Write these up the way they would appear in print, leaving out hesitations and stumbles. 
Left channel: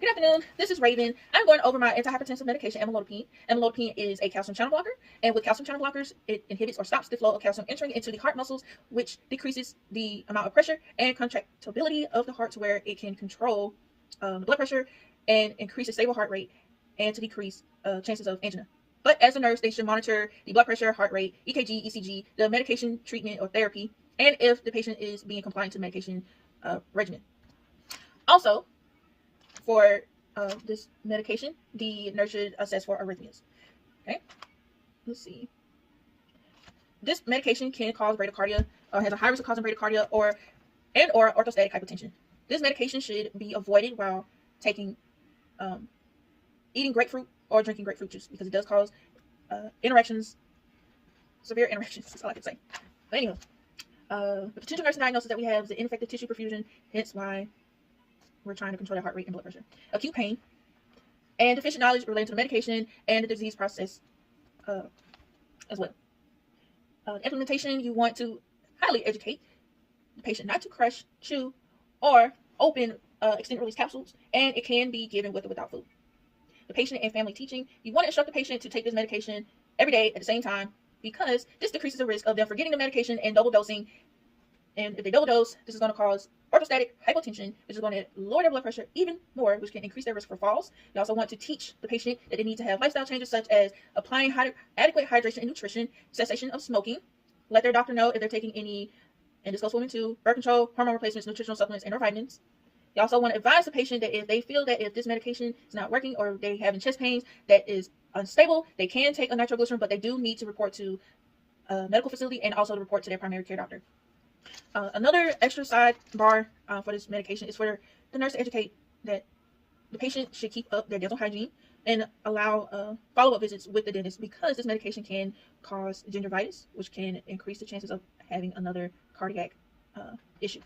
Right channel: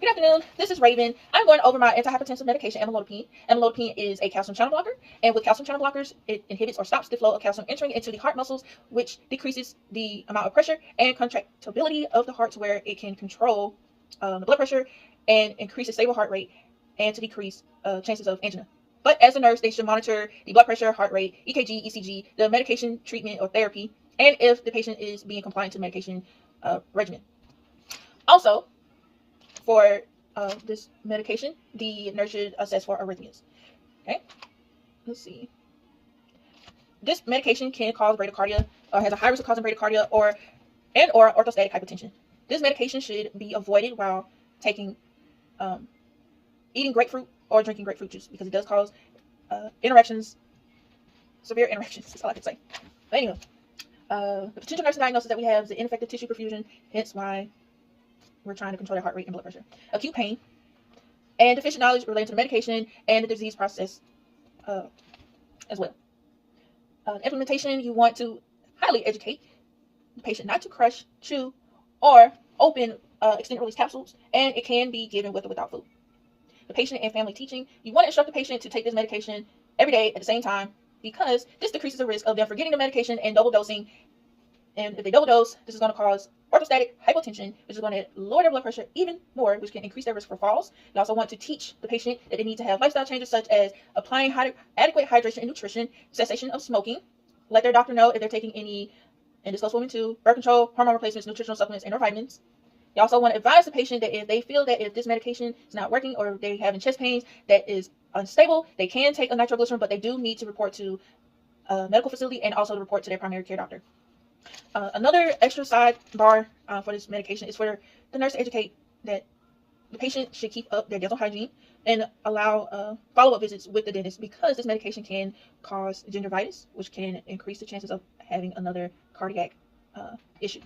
Good afternoon. This is Raven. I'm going over my antihypertensive medication, Amoldipine. Amoldipine is a calcium channel blocker, and with calcium channel blockers, it inhibits or stops the flow of calcium entering into the heart muscles, which decreases the amount of pressure and contractility of the heart to where it can control the blood pressure and increase the stable heart rate and to decrease chances of angina. But as a nurse, they should monitor the blood pressure, heart rate, EKG, ECG, the medication treatment or therapy, and if the patient is being compliant to medication regimen. Also, for this medication, the nurse should assess for arrhythmias. Okay, let's see. This medication can cause bradycardia, or has a high risk of causing bradycardia, or orthostatic hypotension. This medication should be avoided while taking, eating grapefruit or drinking grapefruit juice because it does cause interactions, severe interactions. That's all I can say. But anyway, the potential nursing diagnosis that we have is ineffective tissue perfusion, hence why we're trying to control the heart rate and blood pressure. Acute pain and deficient knowledge related to the medication and the disease process as well. Implementation, you want to highly educate the patient not to crush, chew, or open extended release capsules, and it can be given with or without food. The patient and family teaching, you want to instruct the patient to take this medication every day at the same time because this decreases the risk of them forgetting the medication and double dosing. And if they double dose, this is going to cause orthostatic hypotension, which is going to lower their blood pressure even more, which can increase their risk for falls. You also want to teach the patient that they need to have lifestyle changes such as applying adequate hydration and nutrition, cessation of smoking, let their doctor know if they're taking any, and this goes for women too, birth control, hormone replacements, nutritional supplements, and or vitamins. You also want to advise the patient that if they feel that if this medication is not working or if they're having chest pains that is unstable, they can take a nitroglycerin, but they do need to report to a medical facility and also report to their primary care doctor. Another extra sidebar for this medication is for the nurse to educate that the patient should keep up their dental hygiene and allow follow-up visits with the dentist because this medication can cause gingivitis, which can increase the chances of having another cardiac issue.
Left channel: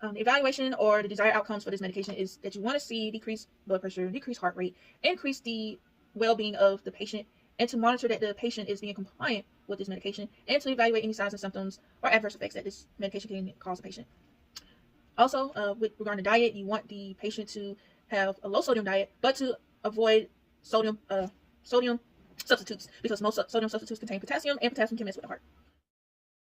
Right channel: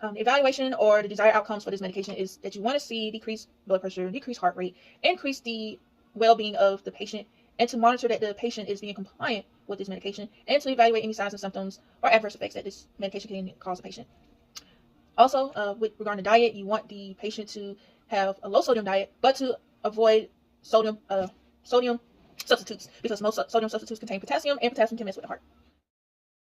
The evaluation or the desired outcomes for this medication is that you want to see decreased blood pressure, decreased heart rate, increase the well-being of the patient, and to monitor that the patient is being compliant with this medication, and to evaluate any signs and symptoms or adverse effects that this medication can cause a patient. Also, with regard to diet, you want the patient to have a low sodium diet, but to avoid sodium substitutes because most sodium substitutes contain potassium, and potassium can mess with the heart.